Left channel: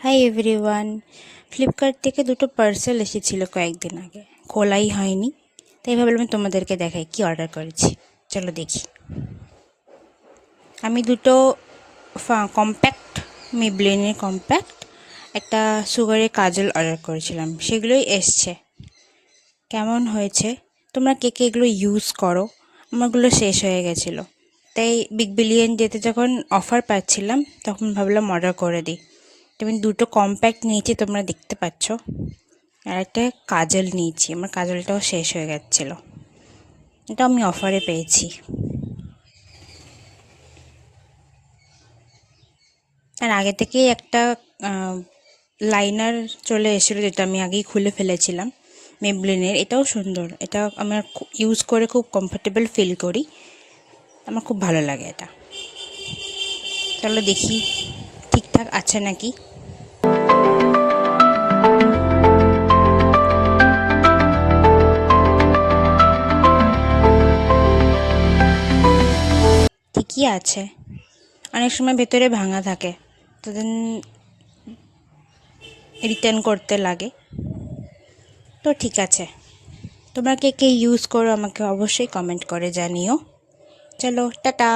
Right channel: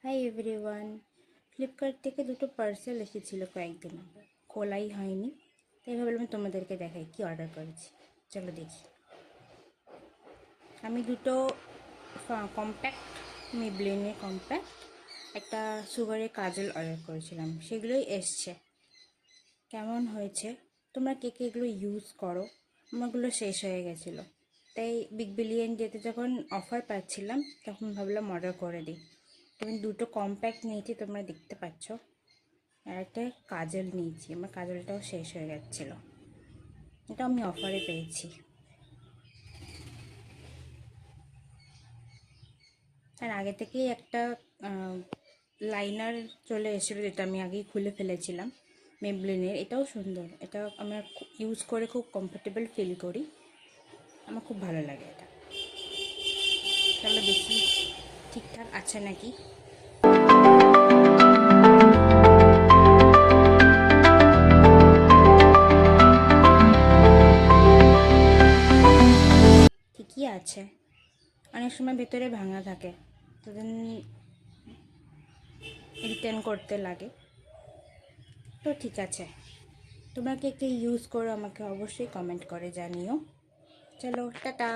Hi everyone. Flipkart থেকে দুটো parcel এসেছিলো কয়েকদিন আগে, খোলাই হয়নি, তাই ভাবলাম আমি তোমাদেরকে দেখাই কি অর্ডার করেছি। চলো দেখি। আমি দুটো কম্প্যাক্ট মেবলিনের কম্প্যাক্ট একটা সুগারের কাজল অর্ডার করেছিলাম, সেগুলোই এসছে। কেমন হয়েছে, তোমরা কে কে এগুলো ইউজ করো? আমারগুলো শেষ হয়ে গেছিলো, তাই বিগ বিলিয়ন ডেতে যখন অফার পাচ্ছিলাম তখন ভাবলাম অর্ডার করে দিই। আমি দুটো কম্প্যাক্ট নিয়েছি, তোমরা দেখতে পাচ্ছ, আর একটা কাজল নিয়েছি। আমার কাজলটাও শেষ হয়ে যাচ্ছিলো, এটা আমি অফারে পেয়েছি। আর আগে থেকেই একটা লাইনার চলে এসেছিলো, যেটা আমি আগেই খুলে ফেলেছিলাম মেবলিনের। এটাও সুন্দর, এটা আমার ইউজ করে খুব কমফোর্টেবল ফিল করি, আমার খুব ভালো লাগে এটা। চলো দেখি ঠিকঠাক আছে নাকি। ঠিকই আছে, অনেক সময় ভেতরে ভাঙা থাকে, তো দেন রিটার্ন করতে লাগে, তো ঠিক আছে। তোমরা কে কে ইউজ করো আমাকে অবশ্যই কমেন্ট করে জানিও। চলো টাটা।